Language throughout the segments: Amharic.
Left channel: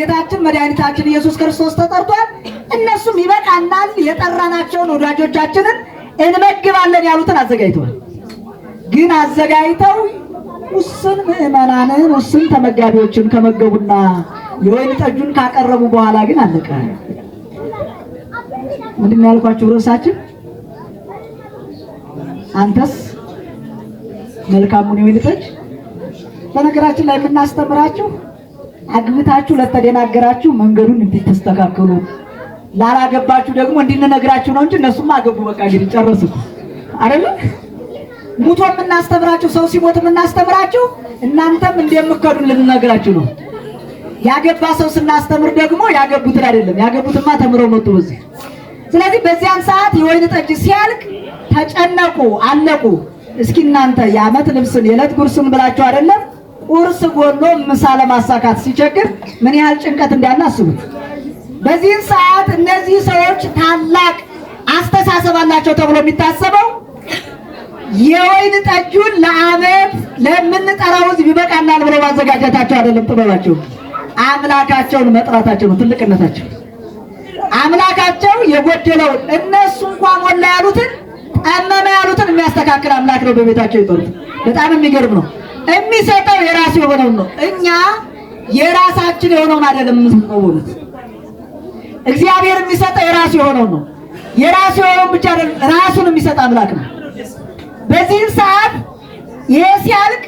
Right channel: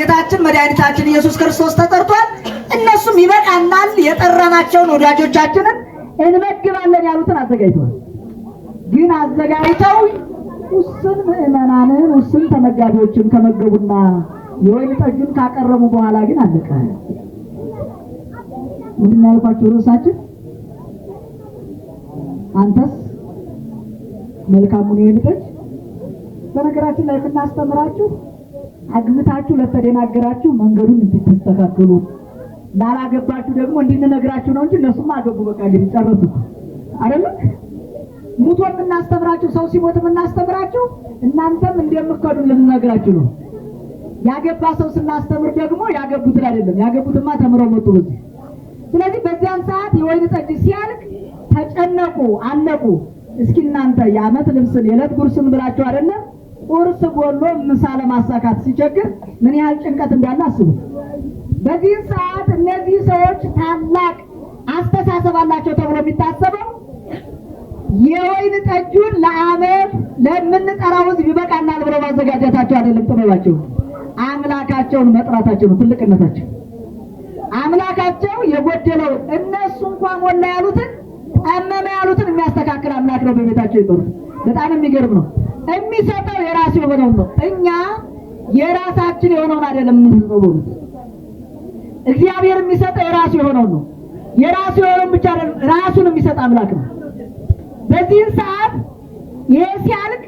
ጌታችን መድኃኒታችን ኢየሱስ ክርስቶስ ተጠርቷል። እነሱም ይበቃናል የጠራናቸውን ወዳጆቻችንን እንመግባለን ያሉትን አዘጋጅተዋል። ግን አዘጋጅተው ውስን ምዕመናንን ውስን ተመጋቢዎችን ከመገቡና የወይን ጠጁን ካቀረቡ በኋላ ግን አለቀ። ምንድን ያልኳችሁ ርዕሳችን አንተስ መልካሙን የወይን ጠጅ። በነገራችን ላይ የምናስተምራችሁ አግብታችሁ ለተደናገራችሁ መንገዱን እንድትስተካከሉ፣ ላላገባችሁ ደግሞ እንድንነግራችሁ ነው እንጂ እነሱም አገቡ በቃ እንግዲህ ጨረሱ አይደል? ሙቶ የምናስተምራችሁ ሰው ሲሞት የምናስተምራችሁ እናንተም እንደምከዱን ልንነግራችሁ ነው። ያገባ ሰው ስናስተምር ደግሞ ያገቡትን አይደለም፣ ያገቡትማ ተምረው መጡ በዚህ። ስለዚህ በዚያን ሰዓት የወይን ጠጅ ሲያልቅ ተጨነቁ፣ አለቁ። እስኪ እናንተ የዓመት ልብስን የዕለት ጉርስን ብላችሁ አይደለም ቁርስ ጎሎ ምሳ ለማሳካት ሲቸግር ምን ያህል ጭንቀት እንዳለ አስቡት። በዚህን ሰዓት እነዚህ ሰዎች ታላቅ አስተሳሰብ አላቸው ተብሎ የሚታሰበው የወይን ጠጁን ለዓመት ለምንጠራው ሕዝብ ይበቃናል ብሎ ማዘጋጀታቸው አይደለም ጥበባቸው፣ አምላካቸውን መጥራታቸው ነው ትልቅነታቸው። አምላካቸው የጎደለውን እነሱ እንኳን ሞላ ያሉትን ጠመመ ያሉትን የሚያስተካክል አምላክ ነው በቤታቸው ይጠሩት። በጣም የሚገርም ነው። የሚሰጠው የራሱ የሆነውን ነው። እኛ የራሳችን የሆነውን አይደለም የምንሰጠው። እግዚአብሔር የሚሰጠው የራሱ የሆነውን ነው። የራሱ የሆነውን ብቻ አይደለም ራሱን የሚሰጥ አምላክ ነው። በዚህ ሰዓት ይሄ ሲያልቅ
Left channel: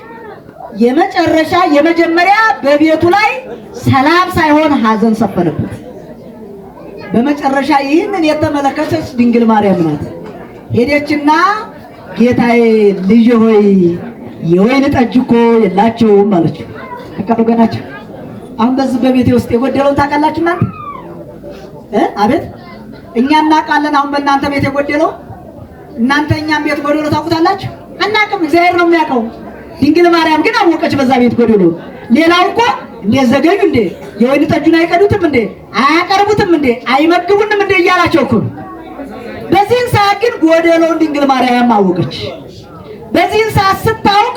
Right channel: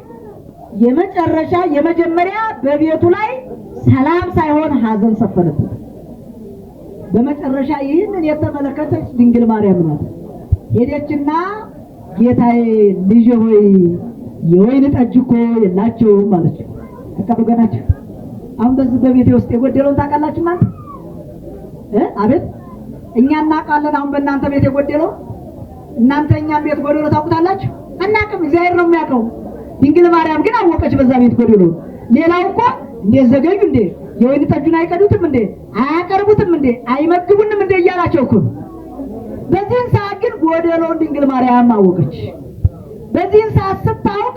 የመጨረሻ የመጀመሪያ በቤቱ ላይ ሰላም ሳይሆን ሐዘን ሰፈነበት። በመጨረሻ ይህንን የተመለከተች ድንግል ማርያም ናት። ሄደችና ጌታዬ ልጅ ሆይ የወይን ጠጅ እኮ የላቸውም አለችው። ተቀበሉ ገናቸው። አሁን በዚህ በቤቴ ውስጥ የጎደለውን ታውቃላችሁ እናንተ? አቤት እኛ እናውቃለን። አሁን በእናንተ ቤት የጎደለው እናንተ እኛም ቤት ጎደሎ ታውቁታላችሁ? አናውቅም። እግዚአብሔር ነው የሚያውቀው። ድንግል ማርያም ግን አወቀች በዛ ቤት ጎደሎ። ሌላው እኮ እንዴ ዘገዩ እንዴ የወይን ጠጁን አይቀዱትም እንዴ አያቀርቡትም እንዴ አይመግቡንም እንዴ እያላቸው እኮ። በዚህን ሰዓት ግን ጎደሎውን ድንግል ማርያም አወቀች። በዚህን ሰዓት ስታውቅ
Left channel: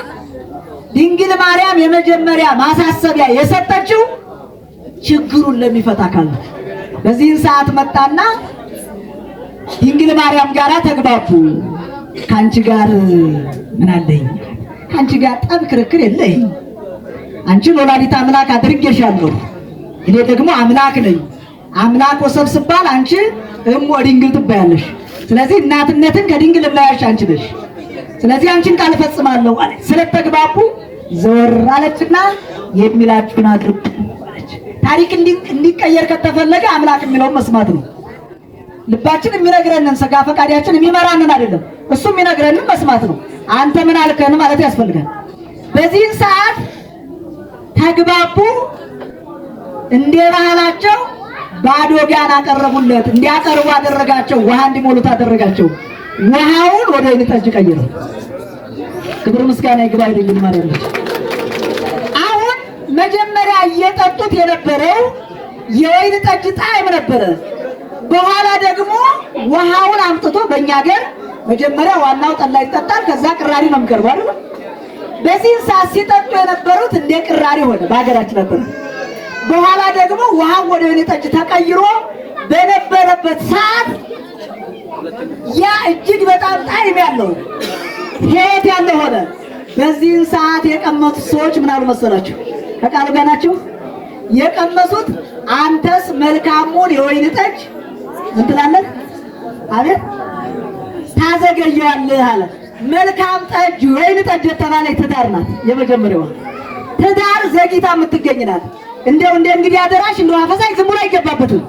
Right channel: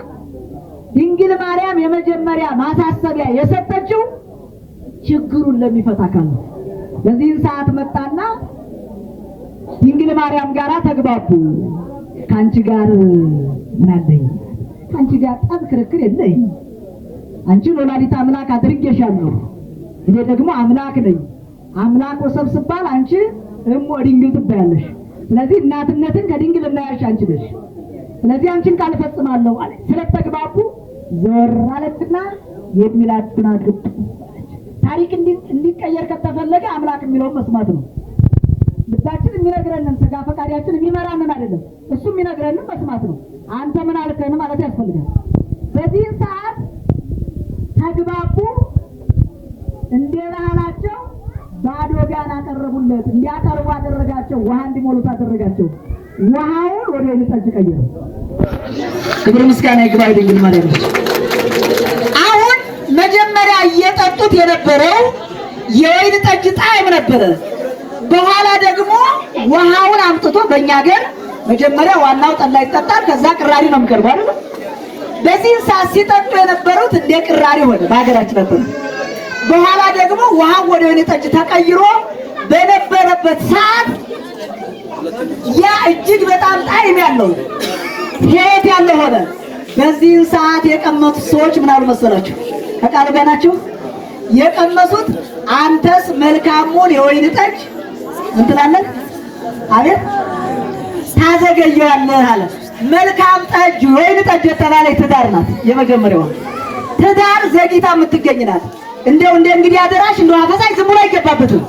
ድንግል ማርያም የመጀመሪያ ማሳሰቢያ የሰጠችው ችግሩን ለሚፈታ አካል ነው። በዚህን ሰዓት መጣና ድንግል ማርያም ጋራ ተግባቡ። ካንቺ ጋር ምን አለኝ? ካንቺ ጋር ጠብ ክርክር የለኝ። አንቺ ወላዲተ አምላክ አድርጌሻለሁ፣ እኔ ደግሞ አምላክ ነኝ። አምላክ ወሰብ ሲባል አንቺ ድንግል ትባያለሽ። ስለዚህ እናትነትን ከድንግል ላያሽ አንቺ ነሽ። ስለዚህ አንቺን ቃል ፈጽማለሁ አለ። ስለተግባቡ ዘወር አለችና የሚላችሁን አድርጉ አለች። ታሪክ እንዲቀየር ከተፈለገ አምላክ የሚለውን መስማት ነው። ልባችን የሚነግረንን ስጋ ፈቃዳችን የሚመራንን አይደለም፣ እሱ የሚነግረንን መስማት ነው። አንተ ምን አልከን ማለት ያስፈልጋል። በዚህን ሰዓት ተግባቡ። እንደ ባህላቸው ባዶ ጋን አቀረቡለት። እንዲያቀርቡ አደረጋቸው። ውሃ እንዲሞሉት አደረጋቸው። ውሃውን ወደ ወይን ጠጅ ቀየረ። ክብር ምስጋና ይግባው ድንግል ማርያም። አሁን መጀመሪያ እየጠጡት የነበረው የወይን ጠጅ ጣዕም ነበረ። በኋላ ደግሞ ውሃውን አምጥቶ በእኛ ሀገር መጀመሪያ ዋናው ጠላ ይጠጣል፣ ከዛ ቅራሪ ነው የሚቀርበው አይደል? በዚህ ሰዓት ሲጠጡ የነበሩት እንደ ቅራሪ ሆነ በሀገራችን ነበር። በኋላ ደግሞ ውሃው ወደ ወይን ጠጅ ተቀይሮ በነበረበት ሰዓት ያ እጅግ በጣም ጣዕም ያለው ሕይወት ያለው ሆነ። በዚህ ሰዓት የቀመሱት ሰዎች ምን አሉ መሰላችሁ? ተቃሉ ጋር ናቸው የቀመሱት። አንተስ መልካሙን የወይን ጠጅ ምን ትላለህ? አቤት ታዘገየዋለህ አለ። መልካም ጠጅ ወይን ጠጅ የተባለች ትዳር ናት። የመጀመሪያዋ ትዳር ዘግይታ የምትገኝ ናት። እንደው እንግዲህ አደራሽ እንደው አፈሳይ ዝም ብሎ አይገባበትም።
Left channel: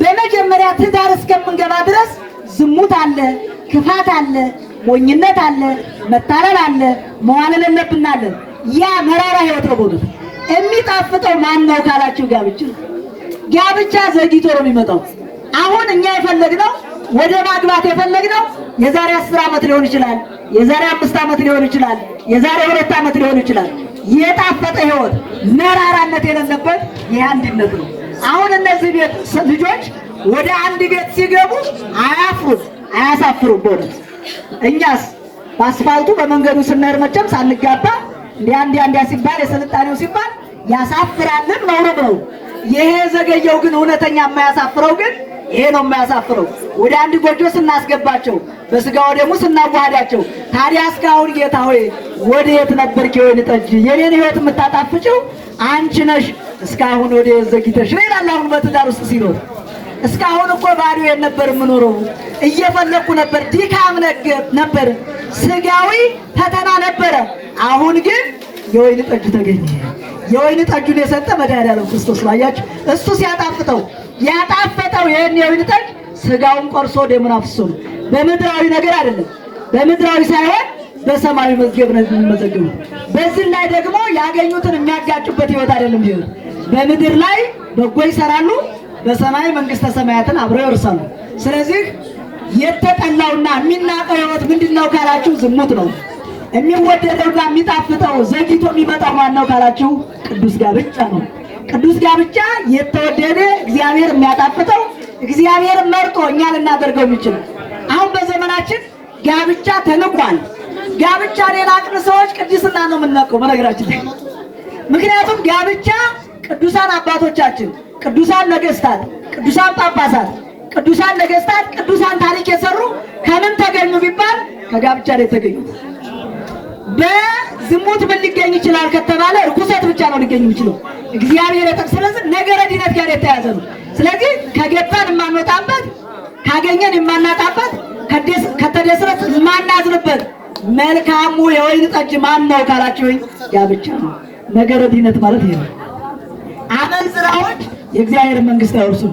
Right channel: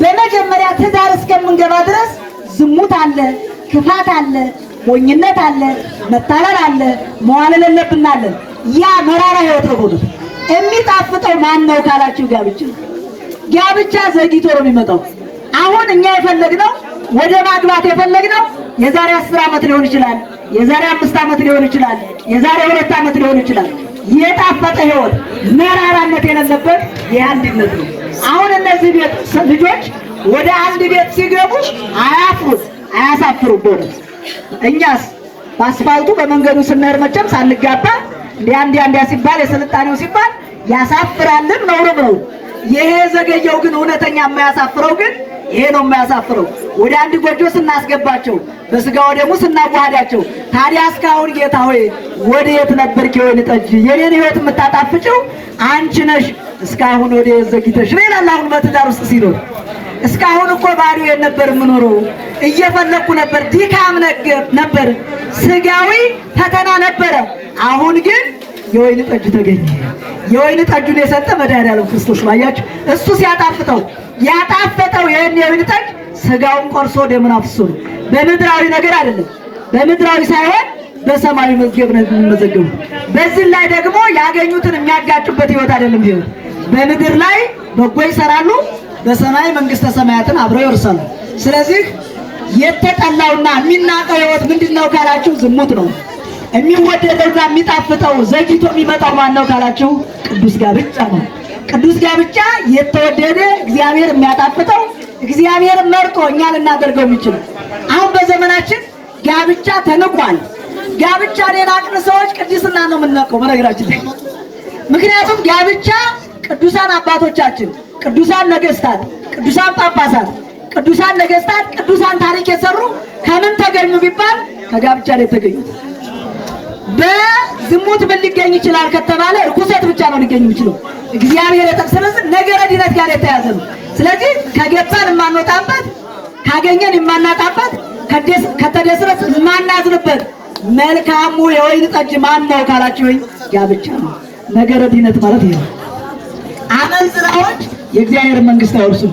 በመጀመሪያ ትዳር እስከምንገባ ድረስ ዝሙት አለ፣ ክፋት አለ፣ ሞኝነት አለ፣ መታለል አለ፣ መዋለል የለብናል። ያ መራራ ሕይወት ነው። በእውነት የሚጣፍጠው ማን ነው ካላችሁ ጋብቻ ዘግይቶ ነው የሚመጣው። አሁን እኛ የፈለግነው ወደ ማግባት የፈለግነው የዛሬ 10 ዓመት ሊሆን ይችላል፣ የዛሬ 5 ዓመት ሊሆን ይችላል፣ የዛሬ 2 ዓመት ሊሆን ይችላል። የጣፈጠ ሕይወት መራራነት የሌለበት የአንድነት ነው። አሁን እነዚህ ቤት ልጆች ወደ አንድ ቤት ሲገቡ አያፍሩም፣ አያሳፍሩም። በእውነት እኛስ በአስፋልቱ በመንገዱ ስንሄድ መቼም ሳንጋባ እንዲያ ሲባል የስልጣኔው ሲባል ያሳፍራልም ነውርም ነው። ይሄ ዘገየው ግን እውነተኛ የማያሳፍረው ግን ይሄ ነው የማያሳፍረው። ወደ አንድ ጎጆ ስናስገባቸው በስጋው ደግሞ ስናዋሃዳቸው ታዲያ እስካሁን ጌታ ሆይ ወዴት ነበርክ የወይን ጠጅ የኔን ሕይወት የምታጣፍጭው አንቺ ነሽ እስካሁን ወዴት ዘግይተሽ ይላል። አሁን በትዳር ውስጥ ሲኖር እስካሁን እኮ ባዶ ነበር የምኖረው እየፈለኩ ነበር፣ ድካም ነበር፣ ስጋዊ ፈተና ነበረ። አሁን ግን የወይን ጠጅ ተገኘ። የወይን ጠጁን የሰጠ መድኃኒዓለም ክርስቶስ ባያችሁ እሱ ሲያጣፍጠው ያጣፈጠው ይሄን የወይን ጠጅ ስጋውን ቆርሶ ደሙን አፍስሶ በምድራዊ ነገር አይደለም፣ በምድራዊ ሳይሆን በሰማያዊ መዝገብ ነው የሚመዘገቡ። በዚህ ላይ ደግሞ ያገኙትን የሚያጋጩበት ሕይወት አይደለም። ይሄ በምድር ላይ በጎ ይሰራሉ፣ በሰማይ መንግስተ ሰማያትን አብረው ይወርሳሉ። ስለዚህ የተጠላውና የሚናቀው ሕይወት ምንድነው ካላችሁ ዝሙት ነው። የሚወደደውና የሚጣፍጠው ዘግይቶ የሚመጣው ማነው ካላችሁ ቅዱስ ጋብቻ ነው። ቅዱስ ጋብቻ የተወደደ እግዚአብሔር የሚያጣፍጠው እግዚአብሔር መርጦ እኛ ልናደርገው የሚችለው። አሁን በዘመናችን ጋብቻ ተንቋል። ጋብቻ የናቅን ሰዎች ቅድስና ነው የምናውቀው በነገራችን ላይ። ምክንያቱም ጋብቻ ቅዱሳን አባቶቻችን፣ ቅዱሳን ነገስታት፣ ቅዱሳን ጳጳሳት፣ ቅዱሳን ነገስታት፣ ቅዱሳን ታሪክ የሰሩ ከምን ተገኙ ቢባል ከጋብቻ ላይ ተገኙት። በዝሙት ምን ሊገኝ ይችላል ከተባለ ርኩሰት ብቻ ነው ሊገኝ የሚችለው። እግዚአብሔር ስለዚህ ነገረ ድነት ጋር የተያዘ ነው። ስለዚህ ከገባን የማንወጣበት፣ ካገኘን የማናጣበት፣ ከተደስረስ የማናዝንበት መልካሙ የወይን ጠጅ ማን ነው ካላችሁኝ ጋብቻ ነው። ነገረ ድነት ማለት ይሄ ነው። አመንዝራዎች የእግዚአብሔር መንግስት አይወርሱም።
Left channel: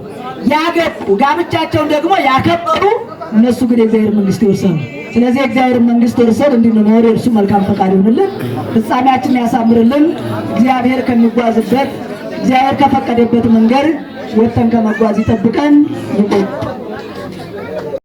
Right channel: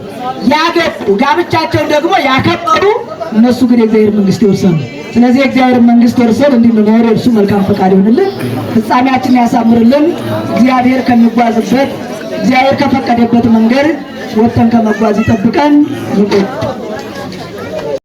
ያገቡ ጋብቻቸውን ደግሞ ያከበሩ እነሱ ግን የእግዚአብሔር መንግስት ይወርሳሉ። ስለዚህ የእግዚአብሔር መንግስት ወርሰን እንድንኖር እርሱ መልካም ፈቃድ ይሁንልን፣ ፍጻሜያችንን ያሳምርልን። እግዚአብሔር ከሚጓዝበት እግዚአብሔር ከፈቀደበት መንገድ ወጥተን ከመጓዝ ይጠብቀን።